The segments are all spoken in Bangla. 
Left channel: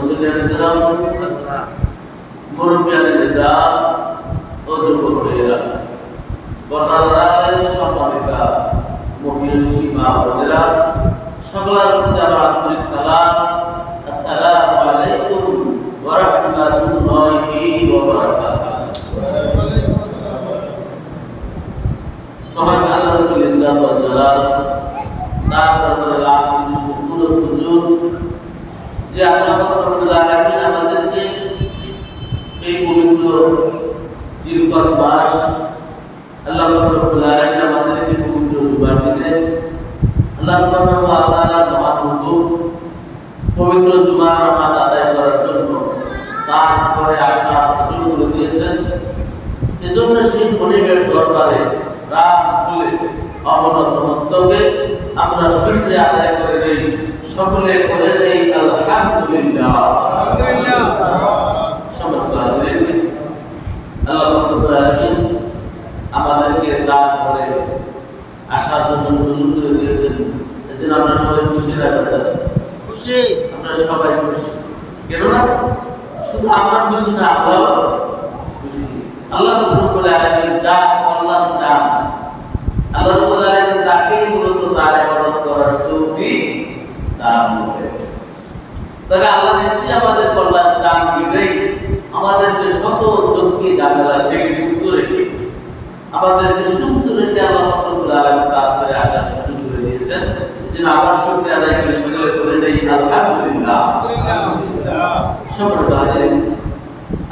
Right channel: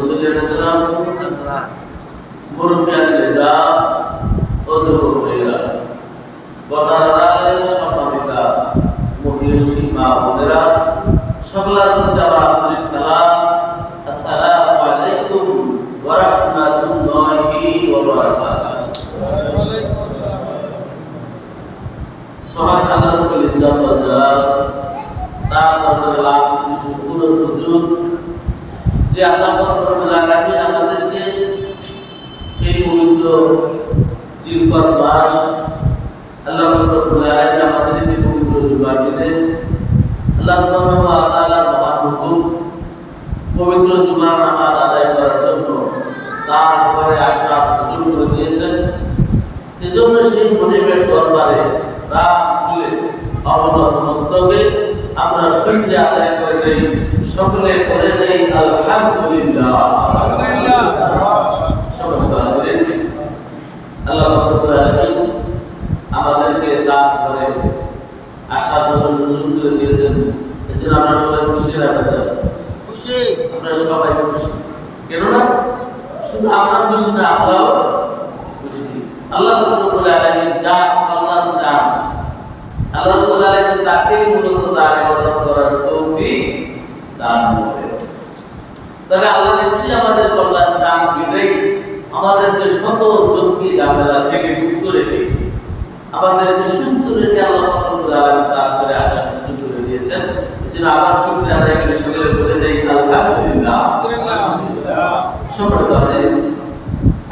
মুসলিম মুরব্বিয়ান নেতা ও যুবক ভাইয়েরা, বটারালের সম্মানিতা মহিষী মা বোনেরা, সকলের প্রতি আমার আন্তরিক সালাম। আসসালামু আলাইকুম ওয়া রাহমাতুল্লাহি ওয়া বারাকাতুহু। মহান আল্লাহ রাব্বুল ইজ্জত ওয়াল জালাল, তার দরবারে লাখ কোটি শুকর ও সুজুদ যে আল্লাহ রাব্বুল আলামিন আমাদেরকে এই পবিত্র জিলকদ মাস, আল্লাহ রাব্বুল আলামিন আমাদেরকে পবিত্র জুমার দিনে আল্লাহ সুবহানাহু ওয়া তাআলার মহান হুকুম পবিত্র জুমার নামাজ আদায় করার জন্য তারপরে আসার সুযোগ করে দিয়েছেন। এজন্য সেই মনিবের দরবারে রাম খুলে অবনত মস্তকে আমরা শুকরিয়া আদায় করে দেই, সকলে করে দেই আলহামদুলিল্লাহ। আল্লাহ রাব্বুল আলামিন আমাদেরকে তার ঘরে আসার জন্য সুযোগ করে দিয়েছেন। এজন্য আমরা সবাই খুশি রাখতে খুশি, আমরা সবাই খুশি। কেননা শুধু আমরা খুশি না, আমরাও খুশি। আল্লাহ রাব্বুল আলামিন যা কল্যাণ চান, আল্লাহ রাব্বুল আলামিন তাকে মূলত তার ইবাদত করার তৌফিক দান করেন। তবে আল্লাহ নিশ্চয়ই আমাদের কল্যাণ চান বিধায় আমাদেরকে শত ঝক্কি ঝামেলা থেকে মুক্ত রেখে আমাদেরকে সুস্থ রেখে আল্লাহ রাব্বুল আলামিন তার ঘরে আসার সুযোগ করে দিয়েছেন। এজন্য আবার শুকরিয়া আদায় করে সকলে বলে দেই আলহামদুলিল্লাহ। সম্মানিত হাজির,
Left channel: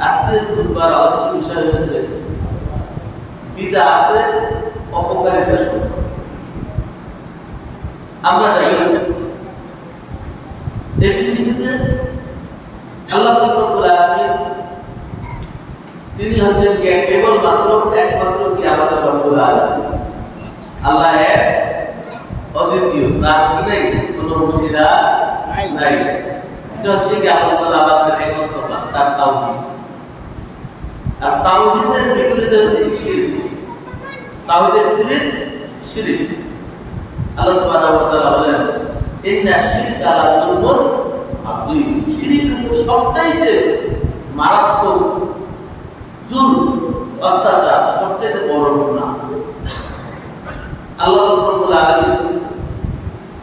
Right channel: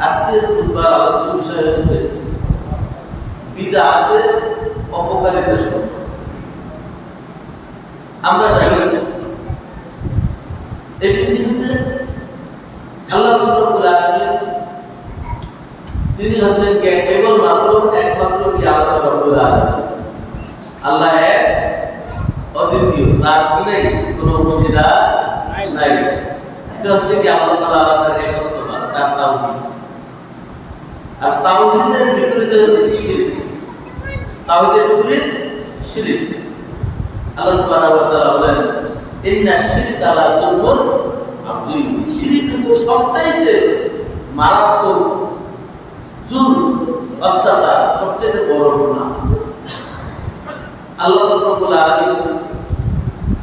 আজকের খুতবার আলোচ্য বিষয় হচ্ছে বিদআতের অপকারিতা সম্পর্কে। আমরা জানি এই পৃথিবীতে আল্লাহ রাব্বুল আলামিন তিনি হচ্ছেন কেবলমাত্র একমাত্র কি আল্লাহ রাব্বুল আলামিন। আল্লাহ এক, অদ্বিতীয়, তার কোনো অংশীদার নাই। এটা হচ্ছে কি আল্লাহ তাআলা আমাদের একত্ববাদ, তার তাওহীদ। আর তাওহীদের বিপরীতে হচ্ছে শিরক। তাওহীদের বিপরীত শিরক। আল্লাহ সুবহানাহু ওয়া তাআলা বলেন, ইন্না শিরকা লা যুলমুন আযীম। শিরক হচ্ছে সবচাইতে মারাত্মক জুলম, অত্যাচার, সবচাইতে বড় গুনাহ। আল্লাহ রাব্বুল আলামিন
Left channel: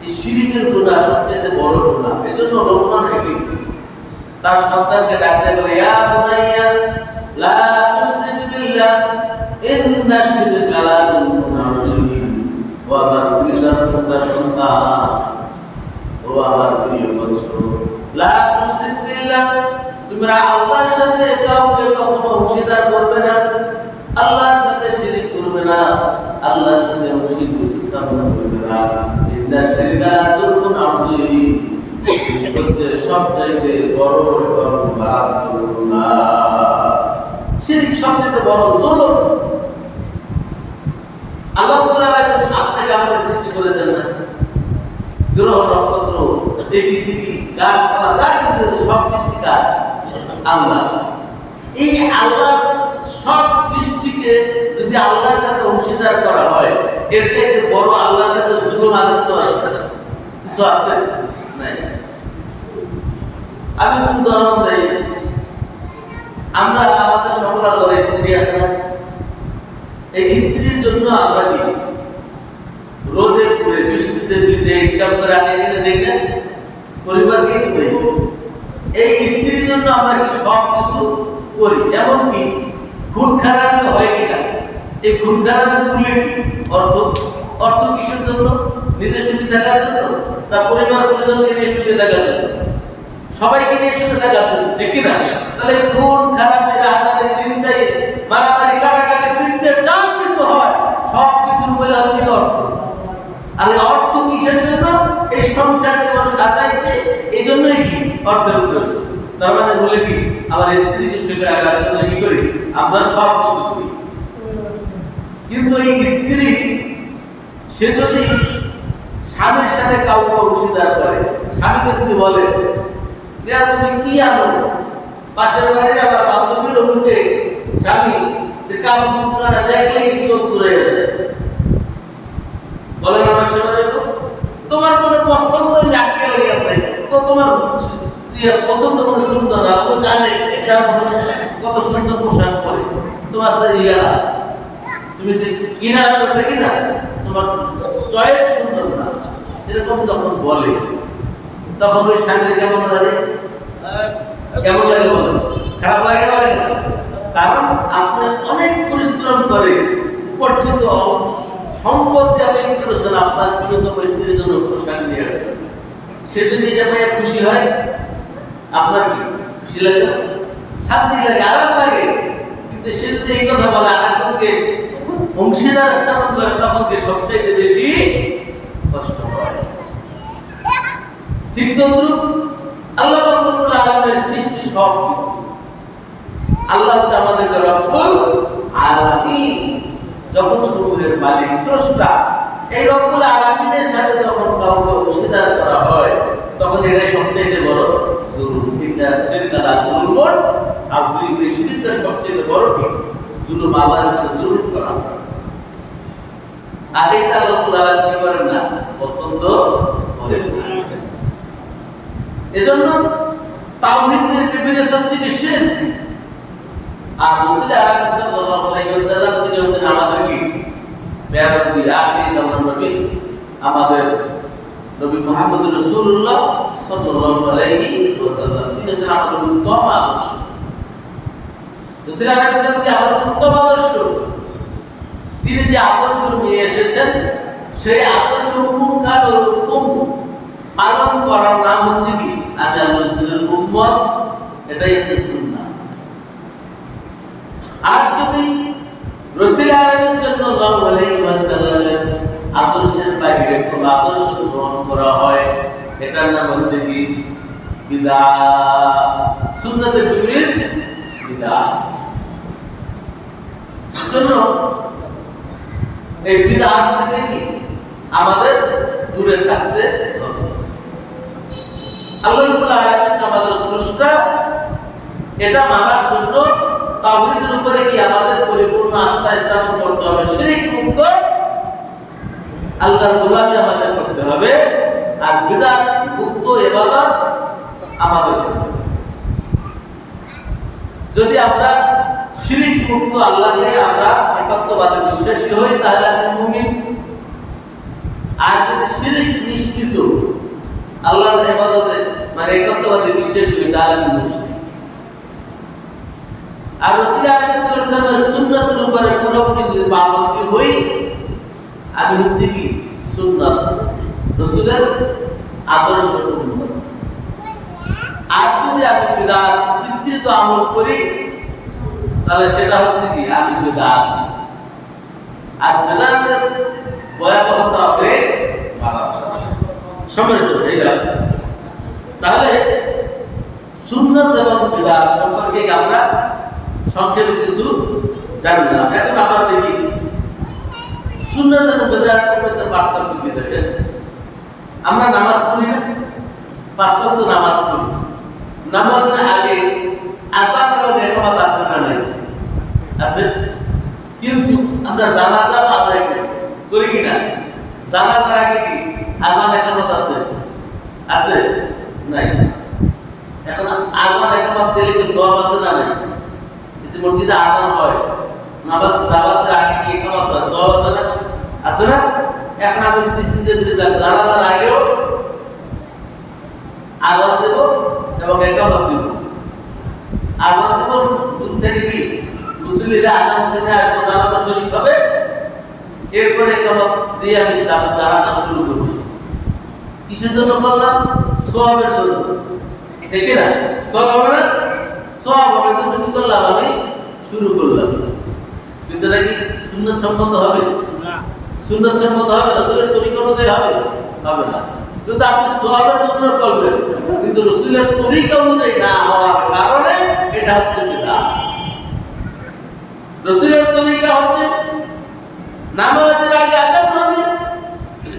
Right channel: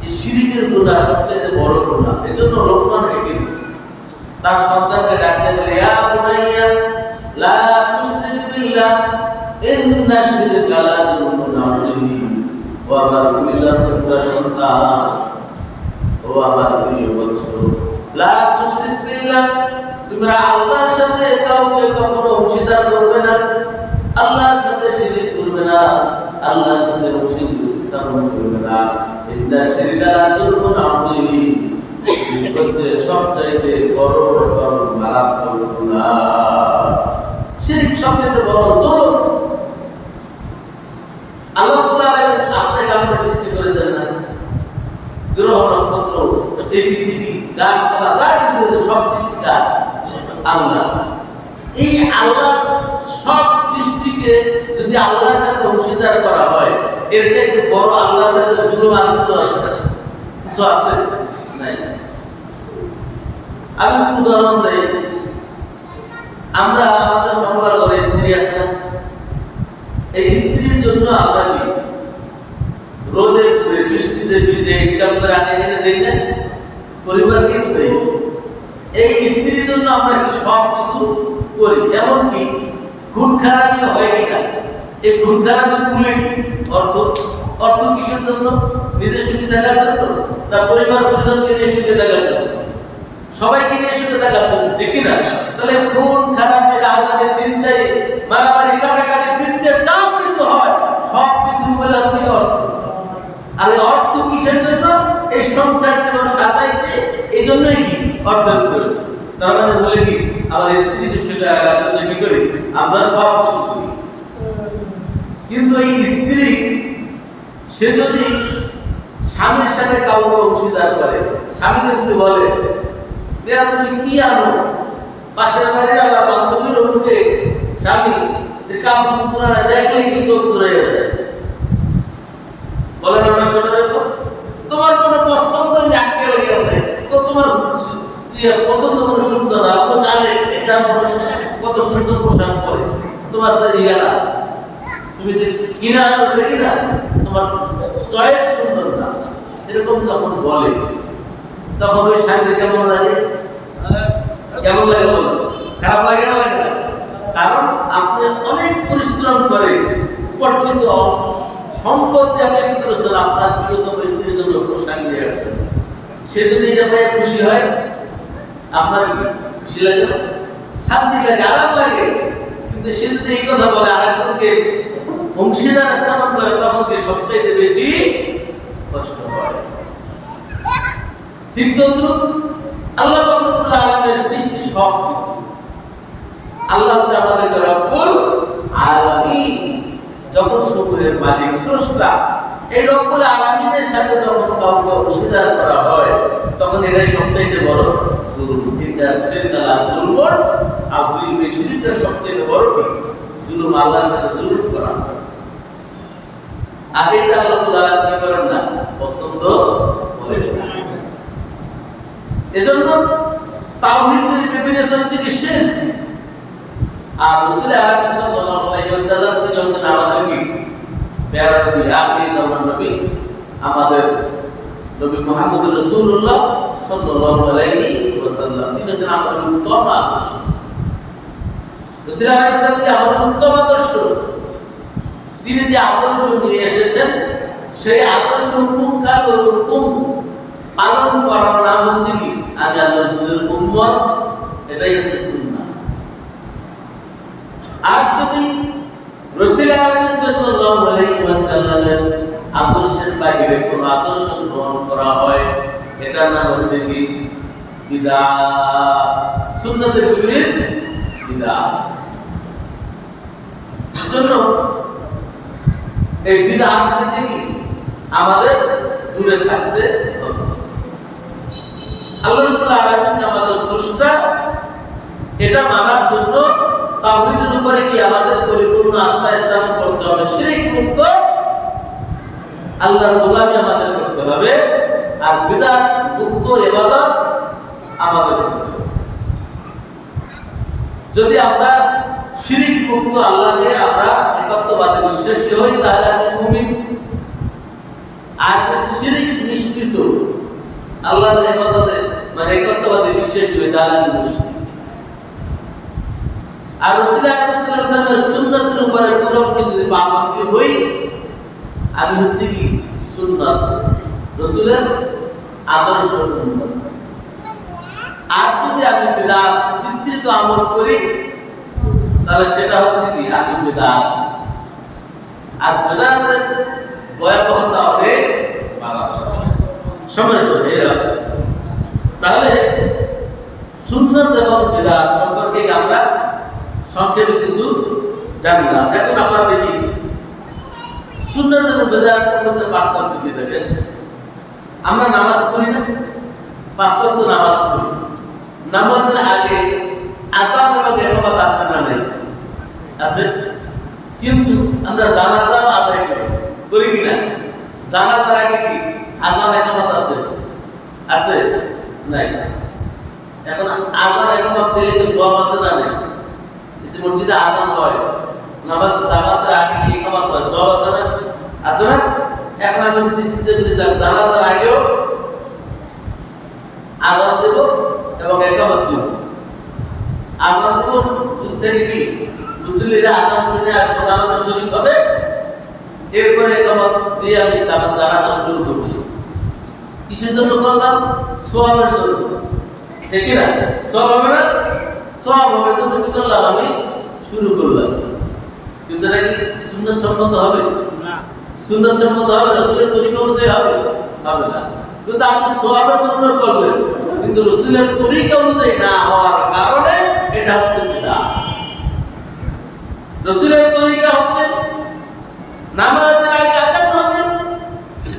এই শিরকের গুনাহ সবচাইতে বড় গুনাহ। এজন্য লোকমান হাকিম তার সন্তানকে ডাক দিয়ে বলে, ইয়া বুনাইয়া লা তুশরিক বিল্লাহ ইন্না শিরকা লা যুলমুন আযীম। ও আমার প্রিয় সন্তান, ও আমার প্রিয় বৎস, লা তুশরিক বিল্লাহ, তোমরা আল্লাহর সাথে কাউকে কখনো অংশীদার করবে না, আল্লাহর সাথে শিরক করবে না, আল্লাহর সাথে অংশীদার স্থাপন করবে না। ইন্না শিরকা লা যুলমুন আযীম। সবচাইতে বড় এবং মারাত্মক গুনাহ শিরক, সবচাইতে বড় জুলুম। আল্লাহ রাব্বুল আলামিন আপনাকে আমাকে সৃষ্টি করেছেন না, গ্রহ নক্ষত্র, এই পৃথিবী, গাছপালা, যা কিছু সব সৃষ্টিকার আল্লাহ। এই আল্লাহ সব সৃষ্টিকে যদি আল্লাহর সাথে অংশীদার করা হয়, এর চাইতে বড় আল্লাহর সাথে জুলুম আর কিছু আছে নাই। আমি একটু উদাহরণ দেই। আমরা আমাদের সকলের ঘরে স্ত্রী আছে না? এই স্ত্রীর জন্য আমরা কি রোদে পুড়ে বৃষ্টিতে ভিজে ইনকাম করে আনি এনে দেই না? পরিবারকে দেই। এই স্ত্রীর জন্য আমরা কি সব কিছু করি, এমনকি খুন খারাপি হয় কিনা, এই খুন খারাপি করলে কি অর্থ কিসের জন্য? নিজের সুখী থাকার জন্য না পরিবার পরিজনকে নিয়ে সুখে থাকার জন্য? সবাইকে নিয়ে সুখে থাকার জন্য, ঠিক কিনা? তাহলে খুন খারাপি, রাহাজানি, ছিনতাই, মারামারি, কাটাকাটি, বিদ্যে যা কিছু হয় সব কিছুর মূলে হচ্ছে অর্থ। আর এই অর্থ কিসের জন্য? এই সংসার জীবন সাজাইছে, এই জন্যই কি অর্থের প্রয়োজন। তার মানে বলে কি আমার স্ত্রীকে সুখে রাখার জন্য কি করি? আমরা সব কিছু করি। কিন্তু এই স্ত্রী সে যদি স্বামীর সাথে কাউকে অংশীদার করে, স্বামীকে যদি বলে তুমি কি আনো, পাশের বাড়ির আবার বান্ধবীর অমুকে স্বামী যে কাপড় চুপড়া দেখলে কি চোখ ঘুরে যায়, বলেন আমার শোনা যেত তোমার কোনো পছন্দ আটকে লেগে তো তোমার পছন্দ করে সুন্দর না, জানে এটা কত সুন্দর পোশাক পরে, তোমার না তুমি যে কিনা আনবে কিনা তোমার চয়েস সুন্দর না, এরকম যখন বলে তখন ওই স্বামীর কেমন লাগে? কেমন লাগে বলো? খারাপ লাগে না? লাগে না? কারণ আপনি অনেক পরিশ্রম করে উপার্জিত সম্পদ দিয়ে আপনি কি করেছেন আপনার প্রিয়তম স্ত্রীর জন্য পোশাক নিয়ে আসছেন, সে যদি এটা পাইয়া খুশি হয় আপনার কি খুশি লাগে না? শান্তি লাগে, আরাম লাগে। কিন্তু সে যদি এই কথা বলে আরেকজনকে অংশীদার স্থাপন করে তখন কি সবচাইতে বেশি কষ্ট হয়। ঠিক তদ্রুপ আল্লাহ রব্বুল আলামিনের সৃষ্টি সব কিছু, আল্লাহ হচ্ছে আমাদের রব্বুল আলামিন, জগৎ সমূহের মালিক স্রষ্টা। এই রব্বুল আলামিনের সাথে যখন কাউকে অংশীদার করা হয় তখন এটাই সবচাইতে বড় জুলুম। এটা শিরকালা জুলমুন আযীম, এই শিরকটা সবচাইতে বড় কি জুলুম, আল্লাহর সাথে জুলুম করা। আর এটা আল্লাহ রব্বুল আলামিন কি করেন না, পছন্দ করেন না। এজন্য তাওহীদের বিপরীত হচ্ছে কি শিরক। আর রাসূল আলাইহিস সাল্লাল্লাহু আলাইহি ওয়াসাল্লাম তিনি হচ্ছেন আমাদের কি প্যারা নবী, আখির নবী, আমাদের নবী মুহাম্মদ রাসূলুল্লাহ সাল্লাল্লাহু আলাইহি ওয়াসাল্লাম, তিনি হচ্ছেন আমাদের উত্তম আদর্শ। রাসূল আলাইহিস সাল্লাম কি আমাদের উত্তম আদর্শ, তিনি যে আদর্শ নিয়ে এসেছেন সেই আদর্শ পুঙ্খানুপুঙ্খ পালন করার নাম হচ্ছে কি আমি আল্লাহর রাসূলের উম্মত, এটাই হচ্ছে সুন্নাহ। আর যদি রাসূল সাল্লাল্লাহু আলাইহি ওয়াসাল্লামের আদর্শের বাইরে কোন আদর্শ গ্রহণ করা হয় এটার নাম হচ্ছে কি বিদআত, সুন্নাতের বিপরীত বিদআত। জন্য এই বিদআত থেকে কি আমাদের দূরে থাকতে হবে। আল্লাহ রাব্বুল আলামিন আমাদের স্রষ্টা, এটা মানার জন্য তাওহীদের উপরে কি আমাদের পরিপূর্ণ আস্থা স্থাপন করতে হবে, শিরক মুক্ত আল্লাহর গোলামি আমাদের করতে হবে, আর বিদআত মুক্ত ইবাদত আমাদের করতে হবে। যদি আমরা শিরক মুক্ত আল্লাহকে আমরা একত্ববাদে বিশ্বাসী হই তাহলে আমি মুমিন, আর যদি শিরক মিশ্রিত আল্লাহর ইবাদতে মানে একত্ববাদে বিশ্বাসী হই তাহলে আমি মুশরিক। আর রাসূল আলাইহিস সালামের সুন্নাতের উপরে পুরোপুরি যদি পাবন্দী হই আমি হচ্ছে কি সুন্নাত রাসূলের আদর্শ উম্মত। আর যদি আমি বিদআত বিস্তৃত আমল করি তাহলে সেটা হচ্ছে কি আমি বিদআত। আর বিদআতের ভয়াবহতা অনেক সম্মানিত ভাইরা, তাহলে সুন্নাত এবং বিদআত সম্পর্কে আমরা সংক্ষেপে কিছু জানলাম। এখন আমরা দেখি সুন্নাত এবং বিদআতের মধ্যে পার্থক্য কি। দেখেন আমরা নামাজ পড়ি না, 5 ওয়াক্ত নামাজ পড়ি, নামাজের আগে আযান এবং ইকামত আছে না নাই? আছে। কিন্তু আমরা জানাজা আদায় করি কিনা? জানাজার আগে কি আযান ইকামত আছে? আছে নাই? এখন আযান ইকামত দিলে কি সওয়াব আছে না নাই? এই মসজিদে আযান হয়, নামাজ জানাজার আগে কি ইকামত হয়, সওয়াব আছে না? আছে না? এখন আমি যদি চিন্তা করি জানাজার আগেও আযান দেব এবং ইকামত দেব, আযান দেব দূর থেকে কি মুসল্লিরা আযান শুনে আসবে, জানাজা শরীক হবে, এরপরে ইকামত দিয়ে আমি জানাজা শুরু করব। কিসের জন্য করলাম? সওয়াবের জন্য, ঠিক না? সওয়াব হবে না? সওয়াব হবে জন্য কি করলাম? আমি শুরু করলাম। কিন্তু এটা কি সুন্নাত সম্মত হবে? না। সুন্নাত সম্মত হবে? রাসূলের তরিকা অনুযায়ী হবে? হবে না। কিন্তু আপনি সওয়াবের জন্য করবেন, কিন্তু রাসূলের তরিকা অনুযায়ী না হওয়ার কারণে এটা হচ্ছে বিদআত। রাসূলের তরিকা হচ্ছে নামাজের আগে আযান হবে,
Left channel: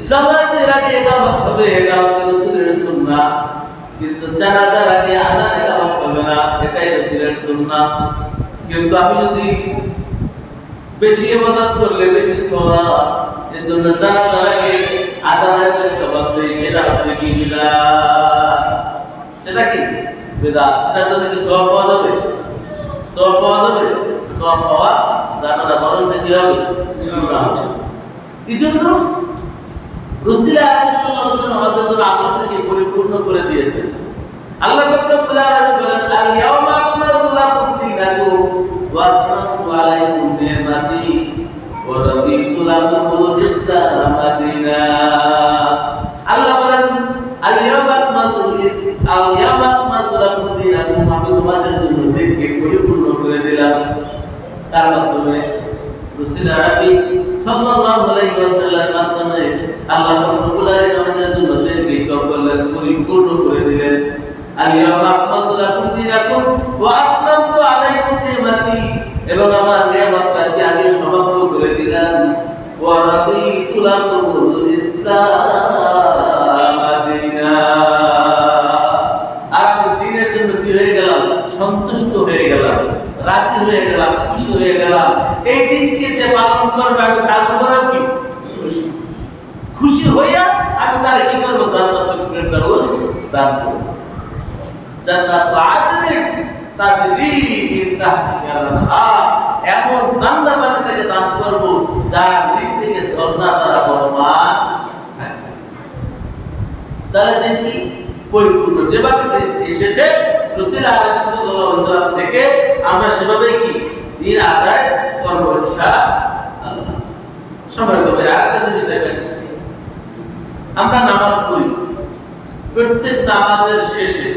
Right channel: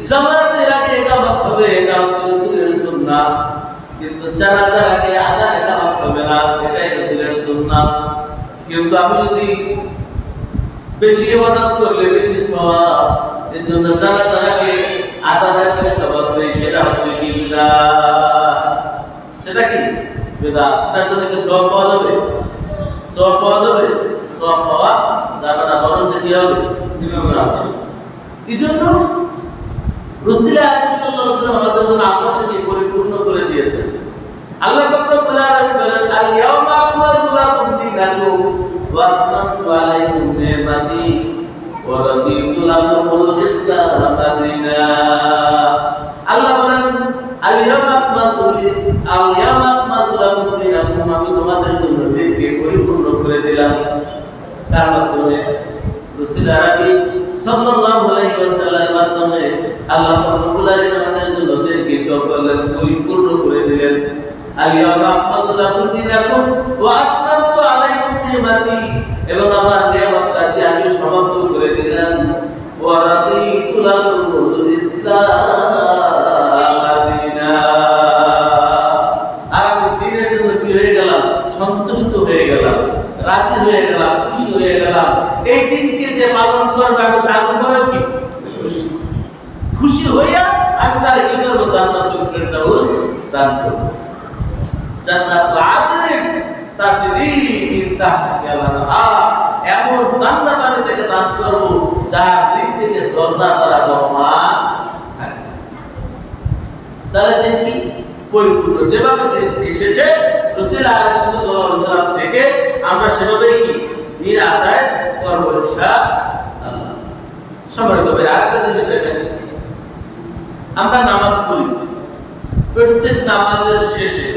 জামাতের আগে ইকামত হবে, এটা হচ্ছে রাসূলের সুন্নাত। কিন্তু জানাজার আগে আযান ইকামত হবে না, এটাই রাসূলের সুন্নাত। কিন্তু আমি যদি বেশি ইবাদত করলে বেশি সওয়াব, এর জন্য জানাজার আগে আযান ইকামত দেই, সেটা হচ্ছে কি বিদআত। সেটা কি বেদাত। সেটার জন্য কি সওয়াব পাওয়া যাবে? সওয়াব পাওয়া যাবে? সওয়াব পাওয়া যাবে না, বরং কি হবে? গুনাহ হবে। এই জন্য রাসূল সাল্লাল্লাহু আলাইহি ওয়াসাল্লাম আমাদের জন্য আদর্শকে পরিপূর্ণ করে দিয়েছেন। আল্লাহ পাক রব্বুল আলামিন বলেন, আল ইয়াউমা আকমালতু লাকুম দীনাকুম ওয়া আতমামতু আলাইকুম নি'মাতি ওয়া রাদিতু লাকুমুল ইসলাম দীনা। আল্লাহ বলেন, আল ইয়াউমা আকমালতু লাকুম দীনাকুম, আমি তোমাদের জন্য দিনকে পরিপূর্ণ করে দিলাম। তার মাধ্যমে রাসূল আরবি সাল্লাল্লাহু আলাইহি ওয়াসাল্লামের মাধ্যমে আল্লাহ পাক রব্বুল আলামিন আমাদের জন্য দিনকে করলেন, পরিপূর্ণ করে দিলেন। আল ইয়াউমা আকমালতু লাকুম দীনাকুম ওয়া আতমামতু আলাইকুম নি'মাতি, এবং আমার নিয়ামতটাকে আমি সমাপ্ত করে দিলাম। ওয়া রাদিতু লাকুমুল ইসলাম দীনা, আর আমি দ্বীনের জন্য কি হয়ে গেলাম? সন্তুষ্ট হয়ে গেলাম, রাজি হয়ে গেলাম, খুশি হয়ে গেলাম। এই দিনকে যে পালন করবে আমি তার উপরে কি খুশি, খুশি হইয়া আমি তার কি করবো? জান্নাতুল ফেরদাউস দান করব। জান্নাতুল আদনিন তাজরি মিন তাহতিহাল আনহার, এমন জান্নাত আমি তাকে দান করব যার নিচ থেকে ঝর্ণা দ্বারা বহমান থাকবে। তাহলে দিন কি পরিপূর্ণ, যেভাবে এসেছে রাসূল সাল্লাল্লাহু আলাইহি ওয়াসাল্লাম থেকে আমরা সেভাবেই কি দিন আদায় করব ইনশাআল্লাহ। সম্মানিত ভাইরা, আরেকটা জিনিস দেখেন, আমরা নামাজ পড়ি, প্রত্যেক নামাজের শেষে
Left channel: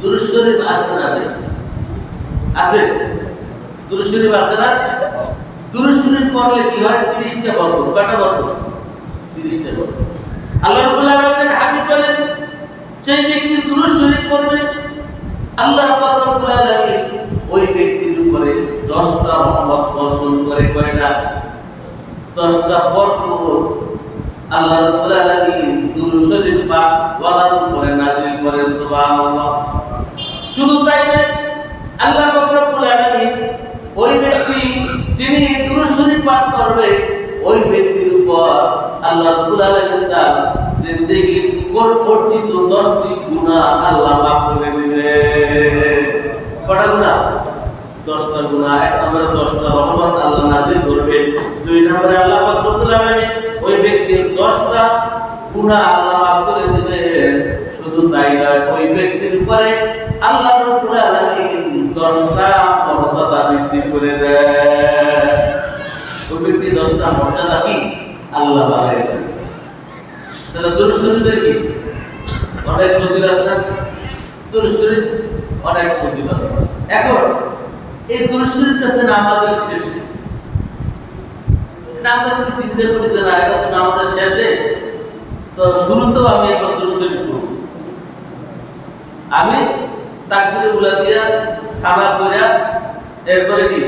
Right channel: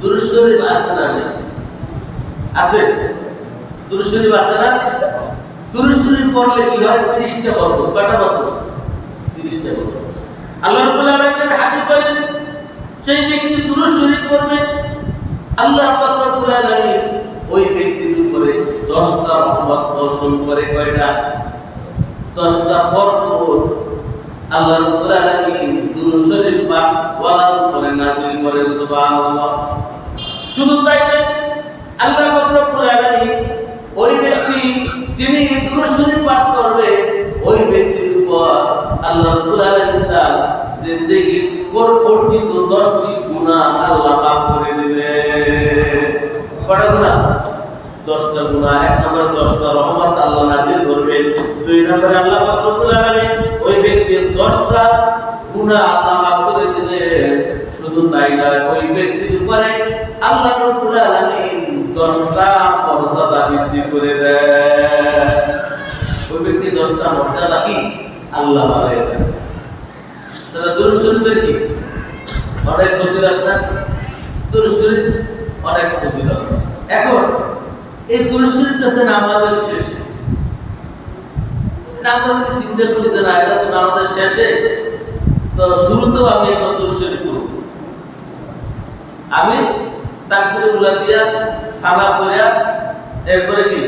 দুরূদ শরীফ আছে না? আছে। দুরূদ শরীফ আছে না? দুরূদ শরীফ পড়লে কি হয়? 30টা বরকত। কয়টা বরকত? 30টা বরকত। আল্লাহ রাব্বুল আলামিনের হাবিব বলেন, যে ব্যক্তি দুরূদ শরীফ পড়বে আল্লাহ পাক রব্বুল আলামিন ওই ব্যক্তির উপরে 10টা রহমত বর্ষণ করে। কয়টা? 10টা বরকত আল্লাহ রাব্বুল আলামিন দুরূদ শরীফ পাক ওয়ালার উপরে নাযিল করেন। সুবহানাল্লাহ। শুধু তাই নয়, আল্লাহ পাক রব্বুল আলামিন ওই ব্যক্তি যিনি দুরূদ শরীফ পাঠ করবে ওই ব্যক্তির উপর আল্লাহ রাব্বুল আলামিন তার জিন্দেগীর অর্জিত 10টি গুনাহ আল্লাহ মাফ করে দিবে। কয়টা গুনাহ? 10টা গুনাহ। এক নম্বরে 10টা রহমত আল্লাহ নাযিল করবেন। দুই নম্বরে আল্লাহ পাক রব্বুল আলামিন ওই ব্যক্তির 10টা গুনাহ আল্লাহ মাফ করে দিবেন। শুধু তাই নয়, ওই ব্যক্তির উপরে আল্লাহ রাব্বুল আলামিন 10টা মর্যাদা বৃদ্ধি করে দেন। ওই ব্যক্তি 10টা মর্যাদা কি আল্লাহ বাড়ায় দেন। তাহলে দুরূদ শরীফের কি অনেক ফজিলত না? দুরূদ শরীফ অনেক ফজিলত। এখন এই দুরূদ শরীফটা নামাজের শেষে, আমরা যদি চিন্তা করি যে না এটা তো নামাজের শেষে, তো শুরুতেও আমি একবার দুরূদ শরীফ পড়ব। আমি তাকবীরে উলা দিয়া সানা পড়া এরপরে কি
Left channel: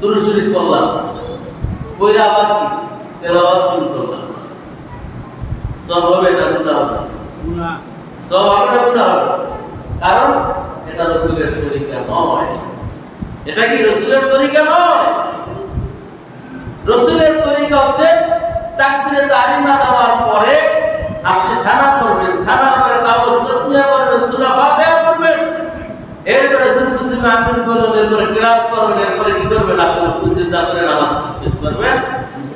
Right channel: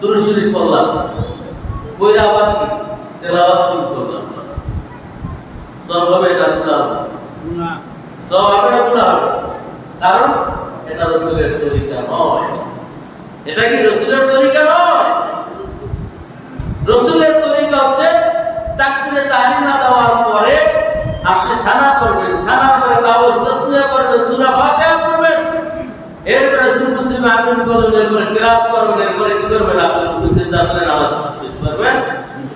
দুরূদ শরীফ পড়লাম, পড়া আবার কি তেলাওয়াত শুরু করলাম। সব হবে না গুনাহ হবে? গুনাহ। সব হবে না গুনাহ হবে? কারণ এটা রাসূলের তরিকা নয়। এটা কি রাসূলের তরিকা নয়? রাসূলের তরিকা হচ্ছে তাকবীরে তাহরিমা দেওয়ার পরে আপনি সানা করবেন, সানার পরে তাওয়াজ তাসমিয়া করবেন, সূরা ফাতিহা পড়বেন, এরপরে সুবহান আমিন বলবেন, এরপরে কিরাত করবেন, এরপরে কি করবেন? আপনি রুকু সিজদা করে নামাজ শেষ করবেন।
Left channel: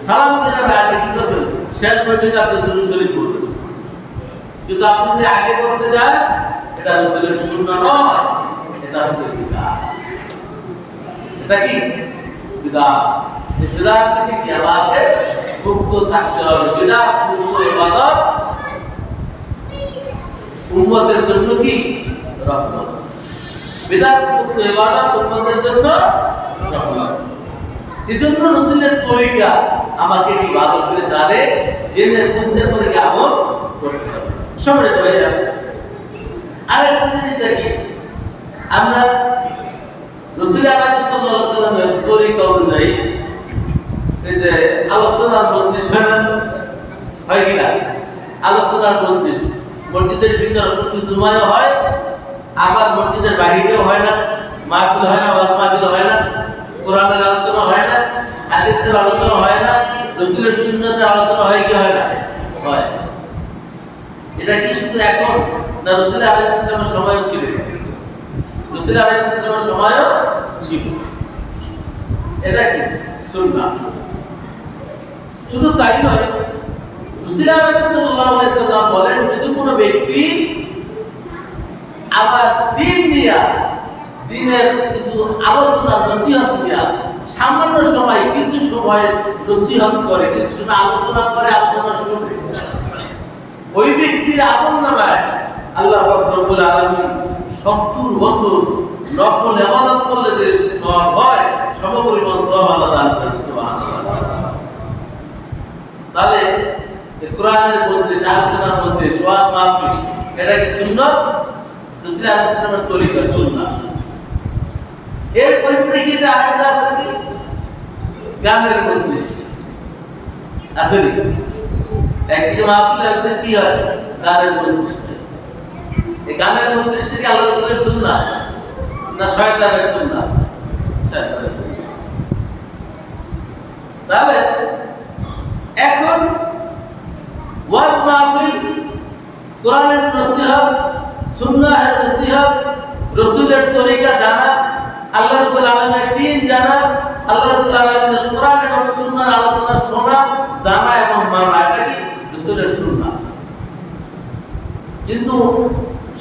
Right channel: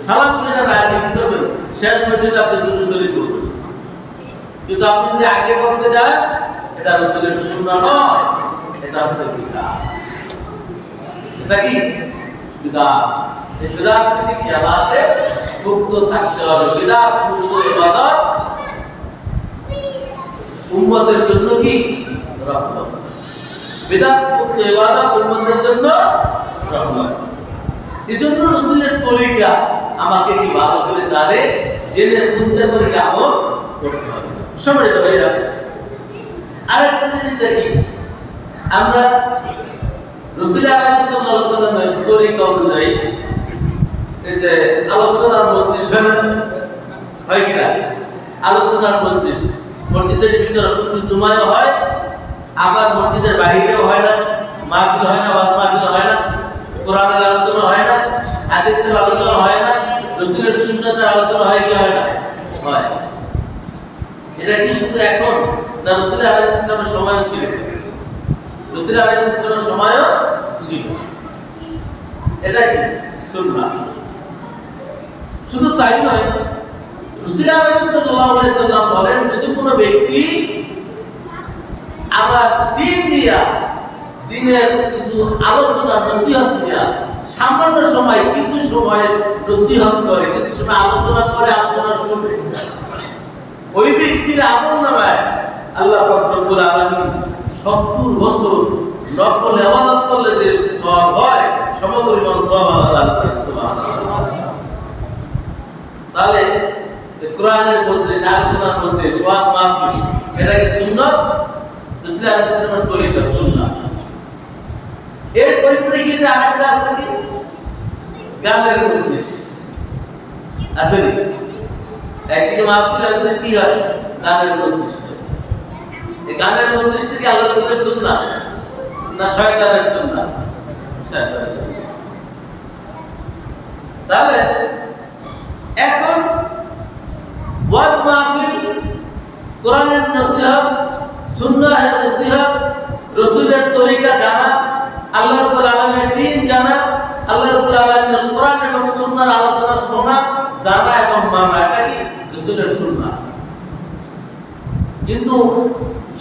সালাম ফেরার আগে কি করবেন? শেষ পর্যন্ত আপনি দুরূদ শরীফ পড়বেন। কিন্তু আপনি যদি আগে পড়তে যান, এটা রাসূলের সুন্নাহ নয়, এটা হচ্ছে বিদআত। এটা কি বিদআত? এই বিদআত থেকে কিয়ামতে মুক্ত থাকতে হবে। বিদআত মুক্ত ইবাদত উম্মতের জন্য কি রহমত। বিদআত মুক্ত ইবাদত উম্মতের জন্য রহমত। এজন্য রাসূলের তরিকা আমাকে কি ভালো করে জানে, জেনে বুঝতে পারে কি আমল করতে হবে। সম্মানিত ভাইরা, আরেকটা জিনিস দেখি, আমরা রাসূল সাল্লাল্লাহু আলাইহি ওয়াসাল্লামের তরিকা অনুযায়ী এই যে আলোচনার মজলিস হয় কিনা? আলোচনার মজলিস মসজিদের ভিতরে প্রতি জুমায় হয়, আবার মসজিদের বাহিরেও হয় না, মাহফিল হয় না, ওয়াজ মাহফিল হয় না, কোরআনের আলোচনা হয় না, হাদিসের আলোচনা হয় না, রাসূলের সুন্নাতের আলোচনা হয় কি হয় না? হয়। এটা কি শুধু এখন, না রাসূল আলাইহিস সালামের সময়ও ছিল? রাসূল আলাইহিস সালামের সময়ও ছিল। এটা কি সুন্নাহ। শুধু তাই নয়, রাসূল সাল্লাল্লাহু আলাইহি সাল্লাম বলেন, যদি কোনো ব্যক্তি আমার দিন নিয়ে, দিনের কিছু আলোচনা নসিহত নিয়ে সামান্য সময়, কিছু সময় নসিহত করে, কিছু সময় আলোচনা করে, আলোচনা শুনে, ওই ব্যক্তির আমলনামায় আল্লাহ পাক রব্বুল আলামিন 70 বছর নফল ইবাদত করলে যে সওয়াব হয়, সমপরিমাণ সওয়াব আল্লাহ দান করেন। সুবহানাল্লাহ। তাহলে কোরআনের মধ্যে, আলোচনার মধ্যে ওয়াজ মাহফিল, এটা কি সুন্নাত? রাসূল আলাইহিস সালামের তরিকা, সুন্নাহ। এর পরিপ্রেক্ষিতে আরেকটা আছে কি, গানের মজলিস আছে নি? একদিকে মাহফিল, আরেকদিকে কি হয়, গানের মজলিস। এই গানের মজলিসটা কি আল্লাহ রাসূলের সুন্নাহ না শয়তানের সুন্নাহ? শয়তানের সুন্নাহ। তাহলে এখন ওয়াজ মাহফিল, কোরআনের নসিহত, সুন্নাহের নসিহত, রাসূলের তরিকা জানা, আল্লাহ রাব্বুল আলামিনের দ্বীন জানা, আল্লাহ রাব্বুল আলামিনের কোরআন এবং সুন্নাহর আলোচনা শোনা, জানা এবং মানা, এটা কি রাসূলের সুন্নাহ। কিন্তু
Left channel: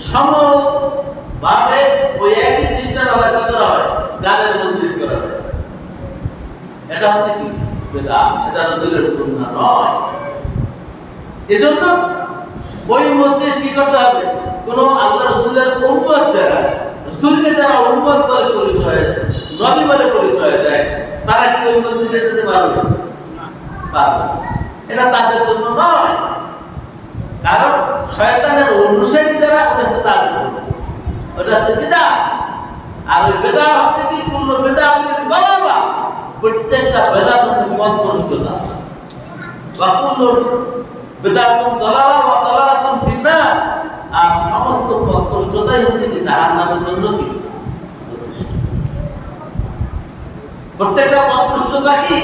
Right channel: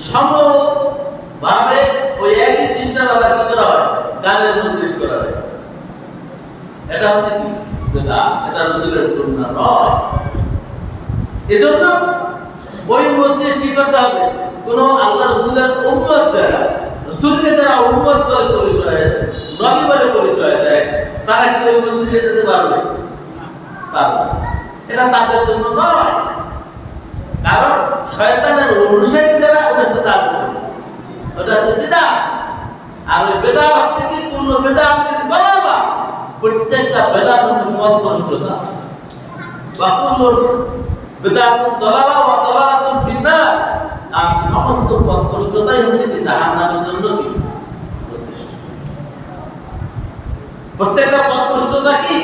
সমভাবে ওই একই সিস্টেম আবার কি করা হয়, গানের মজলিস করা হয়। এটা হচ্ছে কি বিদআত, এটা রাসূলের সুন্নাহ নয়। এজন্য ওই মজলিস কি করতে হবে, কোন আল্লাহ রাসূলের উম্মত যারা, রাসূলকে যারা উম্মত বলে পরিচয়, নবী বলে পরিচয় দেয়, তারা কি ওই মজলিসে যেতে পারবে? পারবে। এটা তাদের জন্য নয়, কারণ শয়তানের অনুসারী যারা, ওটা হচ্ছে তাদের জন্য, ওটা হচ্ছে বিদআত। আর ওই বিদআত হচ্ছে কি, কুল্লু বিদআতিন দালালা, প্রত্যেকটা বিদআত হচ্ছে পথভ্রষ্টতা। ওয়া কুল্লু বিদআতুন দালালা ওয়া দালালাতুন ফিন্নার, আর সমস্ত পথভ্রষ্টতাই হচ্ছে কি জাহান্নামের জন্য কি যথেষ্ট। প্রত্যেকটা পথভ্রষ্টতা কি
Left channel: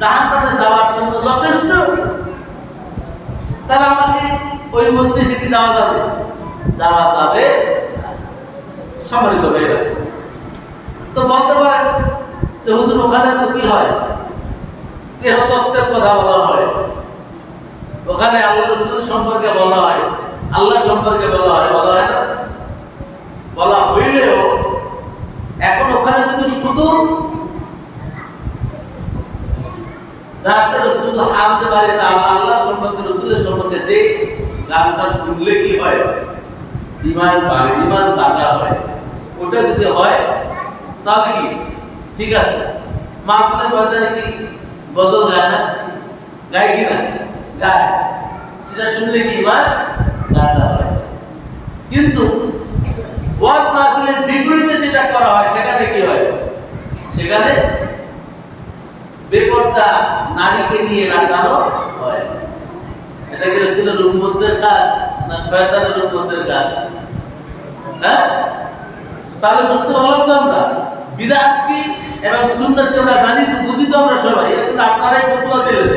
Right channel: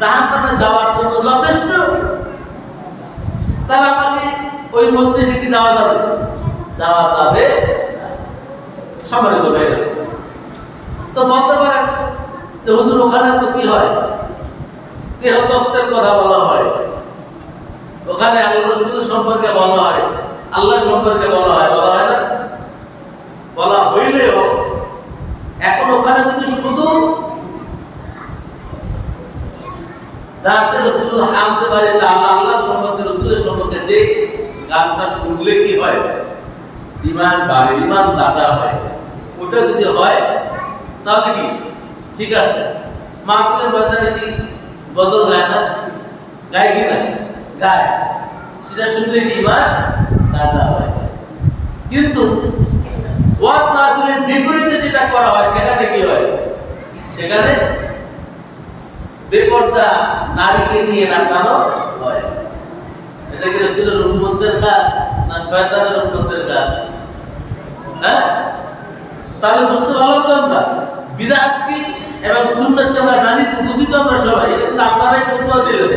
জাহান্নামে যাওয়ার জন্য যথেষ্ট। তাহলে আমাকে ওই মজলিসে কি যাওয়া যাবে? যাওয়া যাবে। সম্মানিত ভাইরা, তো বলতে পারেন যে হুজুর ওখানে তো কি হয়, দেহতত্ত্বের কথা বলা হয়, ওখানে আল্লাহ রাসূল সম্পর্কে বলা হয়, আল্লাহ সম্পর্কে বলা হয়, বলা হয় না? বলা হইলেও এখন ওখানে যদি শুধু রাতে রাসূল হামদে বাড়ি আল্লাহ সম্পর্কে, রাসূলের সম্পর্কে যে গানটা শুনলে কি হয়, ঈমান বাড়ে, ঈমান তাজা হয়, ওটা যদি হয় তাহলে কি ঠিক আছে। মাহফিলের ময়দানে কি গজল গায় না? গায় কি না? গায়। সেটা শুনলে কি ঈমান তাজা হয়। কিন্তু ওয়াজ মাহফিলের বিপরীতে যেটা করা হয়, সেখানে কি হয়, সেখানে বেপরদা নারীকে নিয়ে নাচানো হয়। এটা কি রাসূলের উম্মতের কাজ না শয়তানের উম্মতের কাজ? হ্যাঁ, তাহলে বুঝতে পারলাম তো আমরা বিদআত কি এবং সুন্নাত কি আমরা জানি তো, বুঝি তো আমরা সবাই। এটা কিন্তু আপনারাই ফতোয়া দিলেন,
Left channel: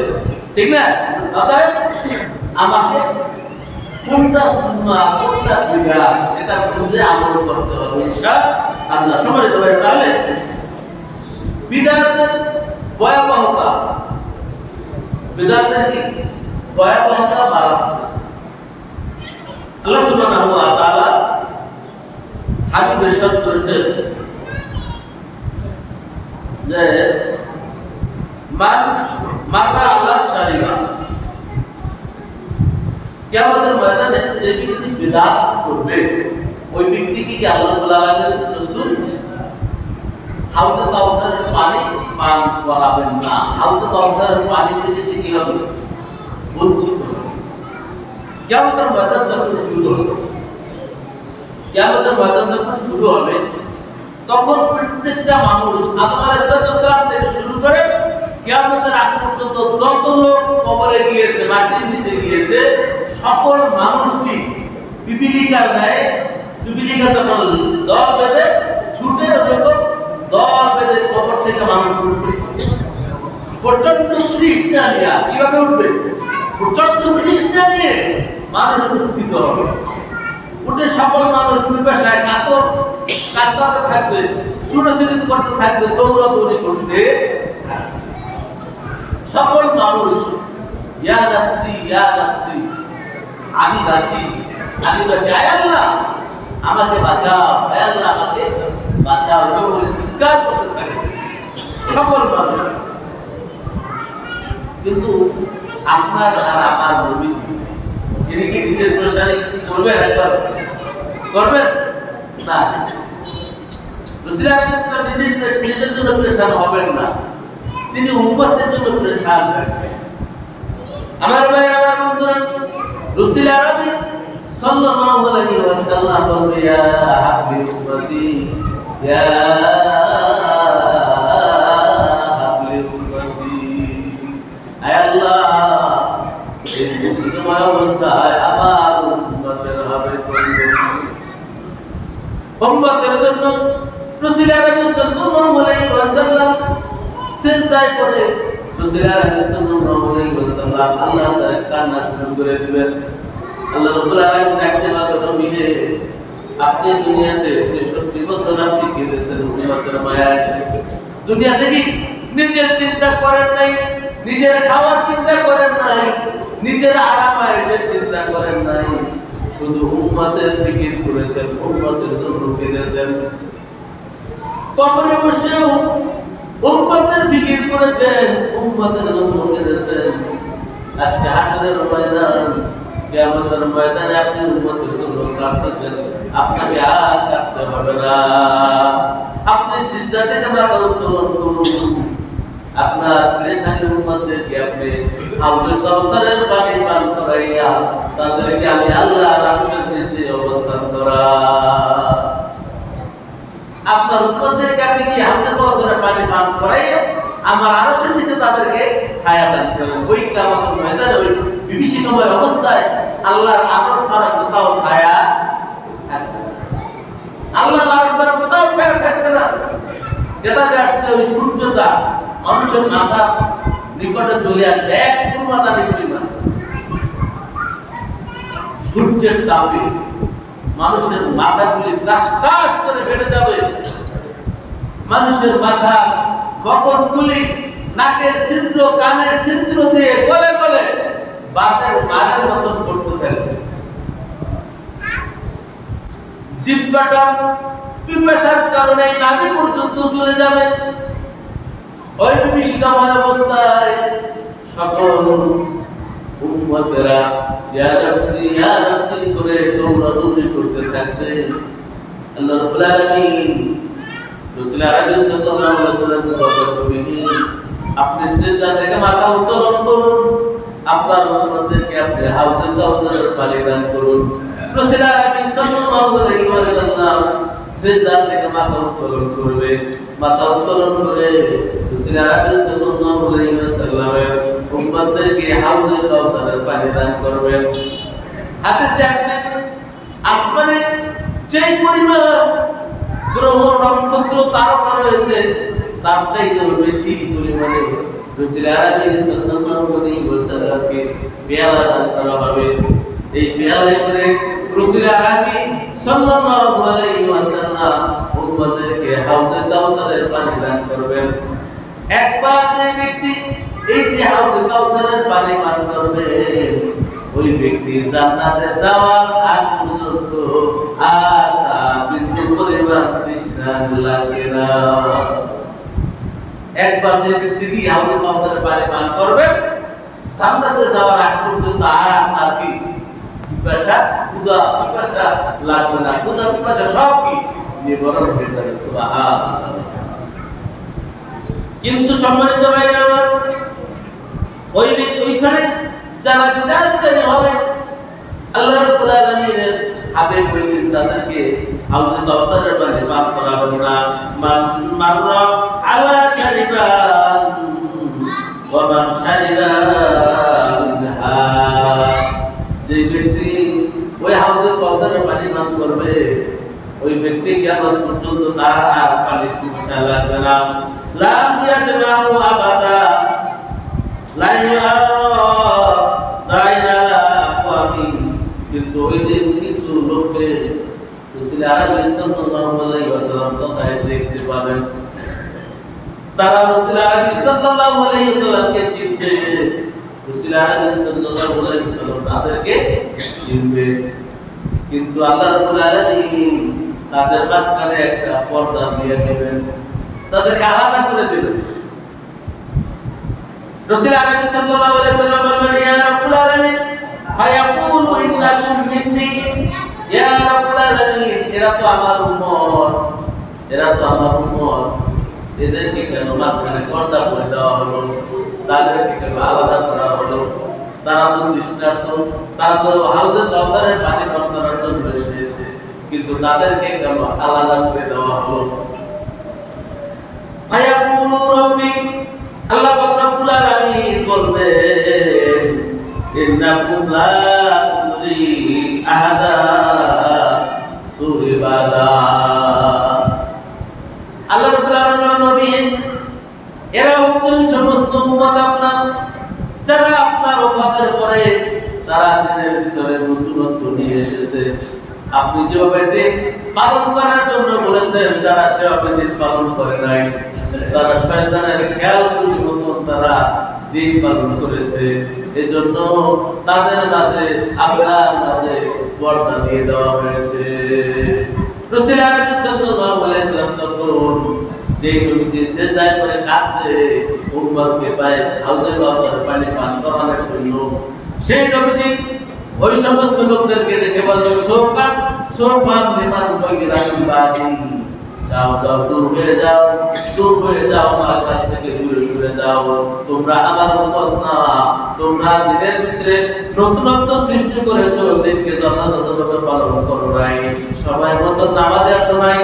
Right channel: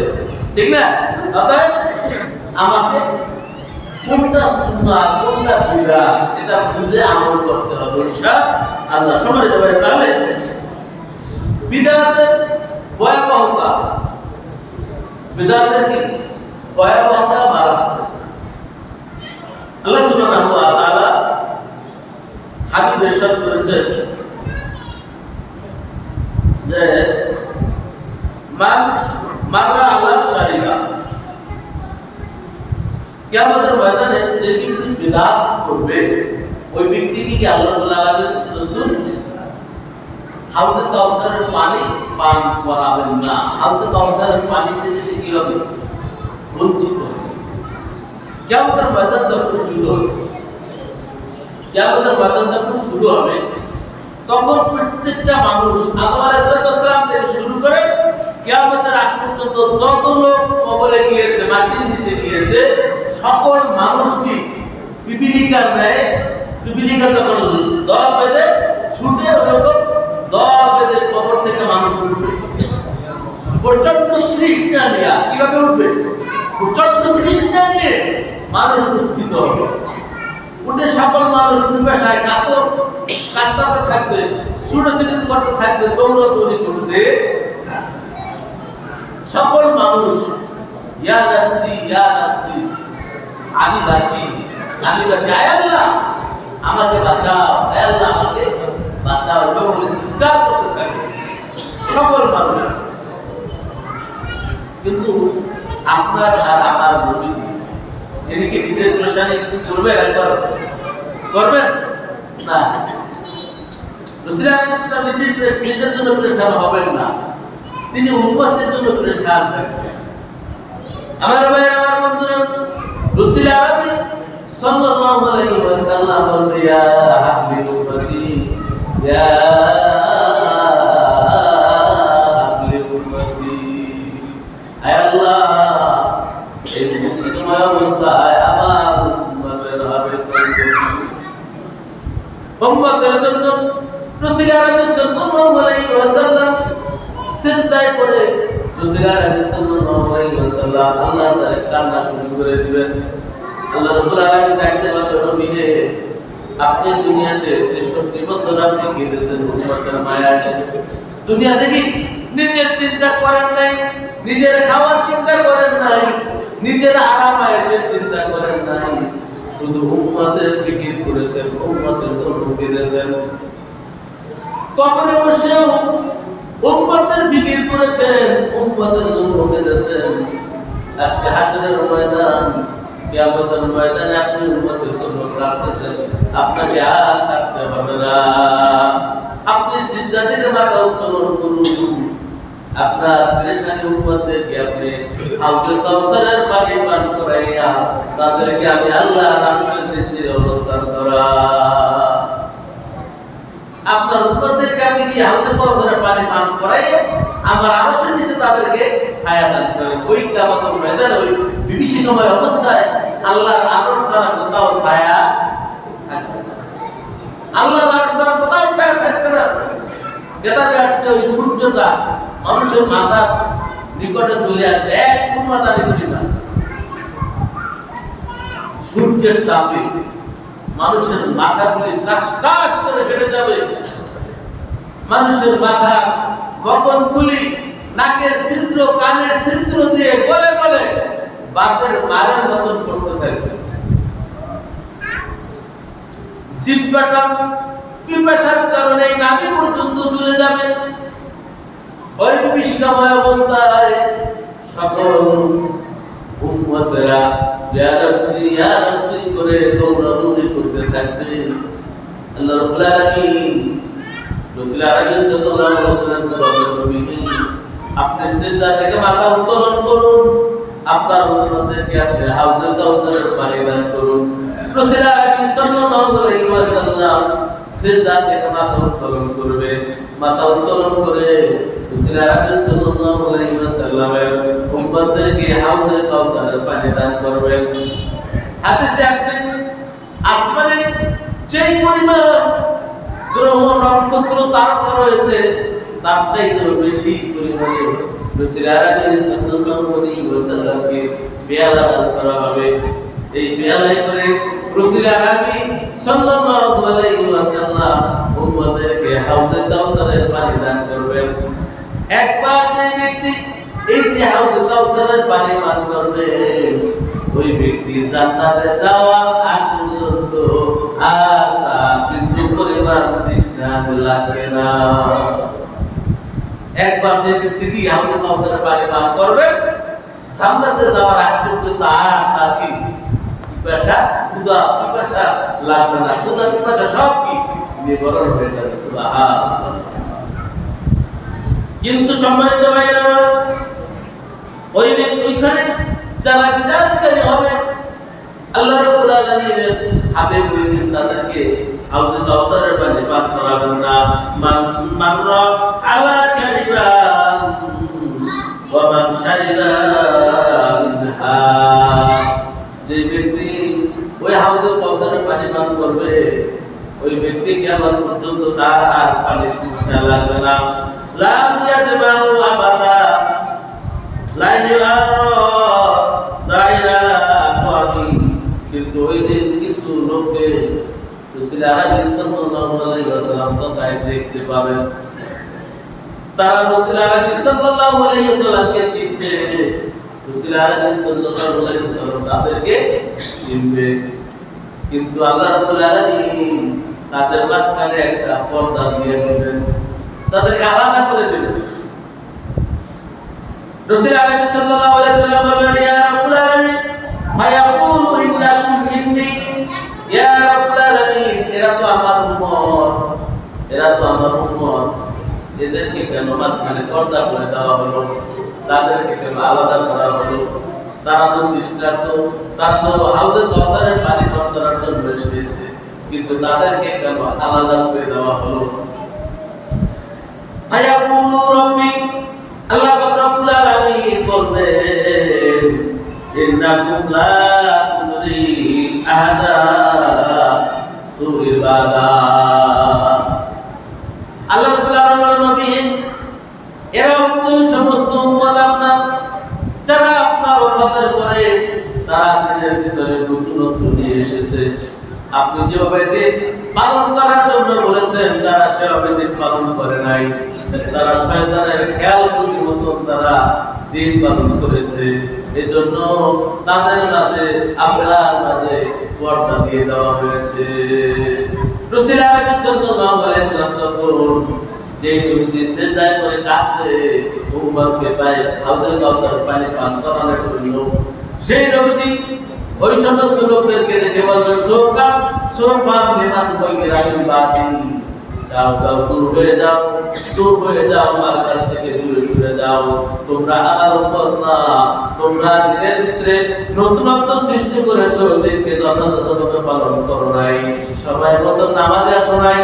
ঠিক না? অতএব আমাকে কোনটা সুন্নাহ কোনটা বিদআত এটা বুঝে আমল করতে হবে ইনশাআল্লাহ। সম্মানিত ভাই, তাহলে বিদআতের ভয়াবহতা, বিদআতের কি ভয়াবহতা মারাত্মক। আল্লাহ সুবহানাহু ওয়া তাআলা হাবিব ইরশাদ করেছেন যে মান মাররা আল্লাহ শারিবা, কিয়ামতের ময়দানে যে ব্যক্তি বিদআত করবে, ওই ব্যক্তিকে কি আল্লাহ রাব্বুল আলামিন রাসূল হাউজে কাউসারের পানি পান করাবেন না। হাউজে কাউসারের পানি থেকে সে কি হবে? বঞ্চিত হবে। কিয়ামতের ময়দান যখন শুরু হবে, কিয়ামতের ময়দান যখন শুরু হবে, তখন প্রত্যেকটা মানুষ আদম আলাইহিস সালাম থেকে শুরু করে কিয়ামতের আগ পর্যন্ত যত লোক কবরে গিয়েছে, মাটির নিচে গিয়েছে, সকল মানুষ কি পিপিলিকার ন্যায়, পিপিলিকা যখন দল বেঁধে ছুটে, ওরকম দল বেঁধে কবর থেকে মানুষ উঠবে। প্রচন্ড তৃষ্ণা নিয়ে কিভাবে উঠবে? প্রচন্ড তৃষ্ণা নিয়ে মানুষ উত্থিত হবে। উঠে সকল মানুষ পিপাসায় কাতরাতে থাকবে, ছুটাছুটি করতে থাকবে, দৌড়াদৌড়ি করতে সকল মানুষ ইয়া নাফসি ইয়া নাফসি, আমি বাঁচি আয় আল্লাহ আমাকে বাঁচাও, আয় আল্লাহ আমাকে বাঁচাও বলে চিৎকার করতে থাকবে সকল মানুষ। কিন্তু আপনার আর আমার নবীজি তিনি কি নিজের পেরেশানি করবেন? একবার করবেন না। রাসূল আলাইহিস সালাম নিজের জন্য পেরেশান হবেন না, তিনি উম্মতের জন্য পেরেশান থাকবেন। আমার ভাই আমার বন্ধুরা, রাসূল আরবি সাল্লাল্লাহু আলাইহি ওয়াসাল্লাম বলবে ইয়া হাবলি উম্মতি ইয়া হাবলি উম্মতি, আয় আল্লাহ এই মুসলিময় অবস্থায় আমার উম্মতের হবে উম্মতের জন্য রাসূল আরবি সাল্লাল্লাহু আলাইহি ওয়াসাল্লাম সিজদায় পড়ে রাসূল আরবি সাল্লাল্লাহু আলাইহি ওয়াসাল্লাম আল্লাহ তাআলা কান্না শুরু করে দিবেন। আল্লাহ রাব্বুল আলামিন ডাকতে বলবে নবী রে, আপনি দুনিয়াতে 63 বছর আপনি কেঁদেছেন উম্মতের মায়ায়, দুনিয়াতে কি নিজের চিন্তা করেন নাই, নিজের খাওয়ার চিন্তা করেন নাই, নিজের আরাম আয়েশের চিন্তা করেন নাই, শুধু উম্মতের ফিকির করেছেন, উম্মতের জন্য কেঁদেছেন। কবরে বসেও উম্মতের ফিকির করেছেন, উম্মতের জন্য কেঁদেছেন। আজকে হাসরের ময়দান, কিয়ামতের ময়দানে আপনি উম্মতের জন্য কাঁদতেছেন, আপনাকে আর কাঁদতে হবে না। আপনি সিজদা থেকে মাথা উত্তোলন করুন, আপনার পেরেশানি উম্মতদেরকে আপনি হাউজে কাউসারের পানি পান করাইয়া তাদেরকে আমি আল্লাহর আরশের নিচে অবস্থান করা। আপনার উম্মতদেরকে আপনি কি হাউজে কাউসারের পানি পান করাইয়া আমার আরশের নিচে তাদেরকে ছায়া দান করেন। ওই কিয়ামতের ময়দানে ওই বিভীষিকাময় অবস্থায় আল্লাহর আরশ ছাড়া কোথাও ছায়া থাকবে না, আল্লাহর আরশ ছাড়া কোথাও ছায়া থাকবে না। কেতাবে আসছে ওই সূর্যটা মানুষের মাথার নিকটে চলে আসবে, এক সুরমা দানি পরিমাণ সূর্যের তাপে মানুষের মাথাগুলি টাস টাস করে ফেটে যাবে, মানুষের মাথা মগজগুলি নাকের ছিদ্র কানের ছিদ্র দিয়ে গলে গলে বাতের মারের মতন করতে থাকবে, জিহ্বাটা পিপাসার কারণে নাভি পর্যন্ত জ্বলে যাবে। ওই বিভীষিকাময় অবস্থায় সকল উম্মতেরা ইয়া নাফসি করে দৌড়াদৌড়ি করতে থাকবে। আল্লাহ রাব্বুল আলামিন রাসূল আরবি সাল্লাল্লাহু আলাইহি ওয়াসাল্লামকে বলবেন, আপনি সিজদা থেকে মাথা উত্তোলন করুন, আপনার উম্মতদেরকে আপনি হাউজে কাউসারের পানি দান করুন। রাসূল আরবি সাল্লাল্লাহু আলাইহি ওয়াসাল্লাম সিজদা থেকে মাথা উত্তোলন করবে, মাথা উত্তোলন করে রাসূল আরবি সাল্লাল্লাহু আলাইহি ওয়াসাল্লামের উম্মতদেরকে হাউজে কাউসারের পানি দান করবেন। হাদিসে আসছে আসমানে যে পরিমাণ গ্রহ নক্ষত্র তারকা রয়েছে তার চাইতেও বেশি পরিমাণে রাসূল আরবি সাল্লাল্লাহু আলাইহি ওয়াসাল্লামকে পেয়ালা দান করা হবে। এই পেয়ালায় করে রাসূল আরবি সাল্লাল্লাহু আলাইহি ওয়াসাল্লাম উম্মতদেরকে হাউজে কাউসারের পানি দান করবেন। একবার যে ব্যক্তি এই যে হাউজে কাউসারের পানি পান করবে, ওই ব্যক্তি জান্নাতে যাওয়ার আগ পর্যন্ত আর তার বিন্দু পরিমাণ তৃষ্ণা লাগবে না। একবার যে ব্যক্তি কি হাউজে কাউসারের পানি পান করবে, জান্নাতে যাওয়ার আগ পর্যন্ত আর তার কি পিপাসা পিপাসা লাগবে না, ক্ষুধা পিপাসা সব কি নিবারণ হয়ে যাবে। সুবহানাল্লাহ। কিন্তু সম্মানিত ভাইরা আমার, ওইখানে যারা বিদাতকারী হবে আল্লাহ রাব্বুল আলামিনের হাবিব ওই দিন তাদেরকে হাউজে কাউসারের পানি পান করাবেন না। মাররা আলা শারিবান ওয়া মান শারিবা মিনহা, যে ব্যক্তি ওই হাউজে কাউসারের পানি পান করবে, ওই ব্যক্তি কিয়ামত পর্যন্ত তার আর পানি পিপাসা লাগবে না। লা ইয়াসমাউ আবাদা লা ইউআরা দাইরা আওয়ামি কিন্তু ওই দিন কিছু লোককে রাসূল আরবি সাল্লাল্লাহু আলাইহি ওয়াসাল্লাম তাই দেখতে পাবেন, তারা রাসূল আরবি সাল্লাল্লাহু আলাইহি ওয়াসাল্লামকে চিনবে, রাসূল আরবি সাল্লাল্লাহু আলাইহি ওয়াসাল্লাম তাদেরকে চিনবে। কিন্তু আল্লাহ রাব্বুল আলামিন তাদের মাঝখানে একটা পর্দা দিয়ে দিবেন, তাদেরকে আলাদা করে দিবেন। রাসূল আরবি সাল্লাল্লাহু আলাইহি ওয়াসাল্লাম বলবেন, ইয়া রাব্বুল আলামিন ফায়াকুলু ইন্নাকুম মিন্নি, ইয়া রাব্বুল আলামিন এরা তো আমার উম্মত, এরা তো আমার উম্মত, এদেরকে কেন মাঝখানে পর্দা করে দেওয়া হলো, তাদেরকে কেন আলাদা করা হলো? তারা তো তৃষ্ণার্ত, তারা তো হাউজে কাউসারের পানি পান করার জন্য এসেছে, কিন্তু তাদেরকে কেন আলাদা করে দেওয়া হলো? ফায়াকুলু রাব্বি, আল্লাহ রাব্বুল আলামিন বলবেন, ইন্নাকুম লা তুরি আহাদা সুইবাদা। আল্লাহ রাব্বুল আলামিন নবী, এরা হচ্ছে সমস্ত উম্মত আপনার, যারা আপনার উম্মতের পরে তারা দিনের ভিতরে নতুনত্ব নিয়ে এসেছে। আপনি যেভাবে দিন পালন করার জন্য বলেছেন, তারা সেভাবে দিন পালন করে নাই, তারা শয়তানের খেয়াল খুশি মতন তারা দিন পালন করেছে। এজন্য তাদের মাঝে আপনার মাঝে পর্দা দিয়ে দেওয়া হয়েছে। রাসূল আরবি সাল্লাল্লাহু আলাইহি ওয়াসাল্লাম যে নবীজি সিজদায় করে কাঁদতে উম্মতকে পায় হাউজে কাউসারের পানি পান করানোর জন্য, সেই নবীজি ওই সমস্ত লোকদেরকে দেখে বলবেন, সোকান সোফান লিমান ফাগিরাতুল বাতি, যাও যাও দূর হয়ে যাও, দূর হয়ে যাও, আমার কাছ থেকে দূরে সরে যাও, তোমরা আমার উম্মত না, তোমরা দিনের ভিতরে নতুনত্ব সৃষ্টি করেছো, দিনকে যথাযথভাবে পালন করো নাই, সময় মতো নামাজে আসো নাই,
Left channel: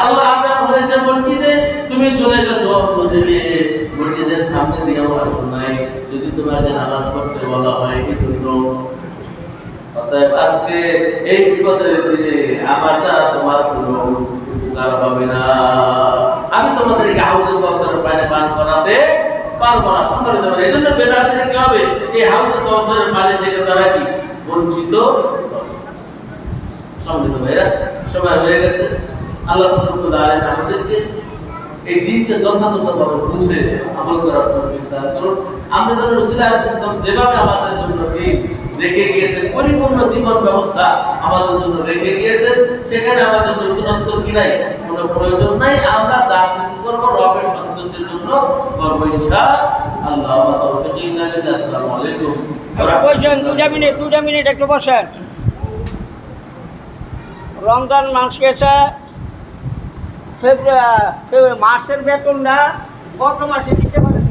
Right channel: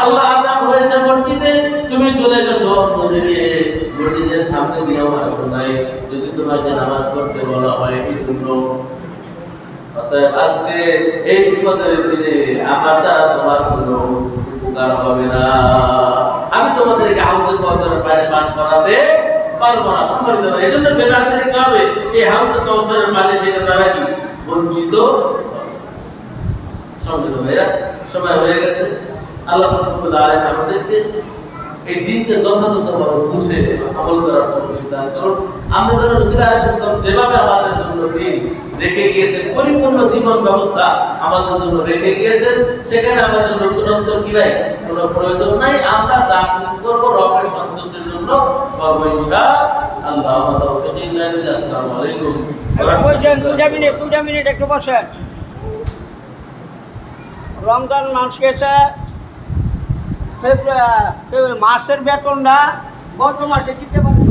আল্লাহ আযান হয়েছে মসজিদে, তুমি চলে গেছো মসজিদে, মসজিদের সামনে দিয়েও আসো নাই, যদি তোমাকে নামাজ পড়তে বলা হয় এই জন্য। অতএব আজকে এই বিপদের দিনে আমার দ্বারা তোমার কোনো উপকার হবে না, আমি তোমাদেরকে হাউজে কাউসারের পানি পান করাতে পারবো না। সম্মানিত ভাই, এই জন্য বেদাতিরা কি হবে, এই হাউজে কাউসারের পানি থেকে তারা কি বঞ্চিত হবে। সম্মানিত ভাইরা, সময় হয়ে গেছে, আল্লাহ রাব্বুল আলামিন আমাদেরকে এই দিনকে যথাযথভাবে বুঝে আমল করার তৌফিক দান করুন। আমরা যেন রাসূল আলাইহিস সালাম যেভাবে আমাদের জন্য দিন রেখে গিয়েছেন, পরিপূর্ণ জীবন ব্যবস্থা আমাদের জন্য রেখে গিয়েছেন, সেখানে আমাদের নতুনত্ব কি নাই, কোনো প্রয়োজন নাই। আমরা যা কিছু করবো রবের সন্তুষ্টির জন্য করবো ইনশাআল্লাহ। তাওফিক ইল্লা বিল্লাহ। আসসালামু আলাইকুম। দুটা মিনিট একটু বসেন। রমজান মাস গেছে, মাসের বেতনটা গত মাসে দিতে পারেন।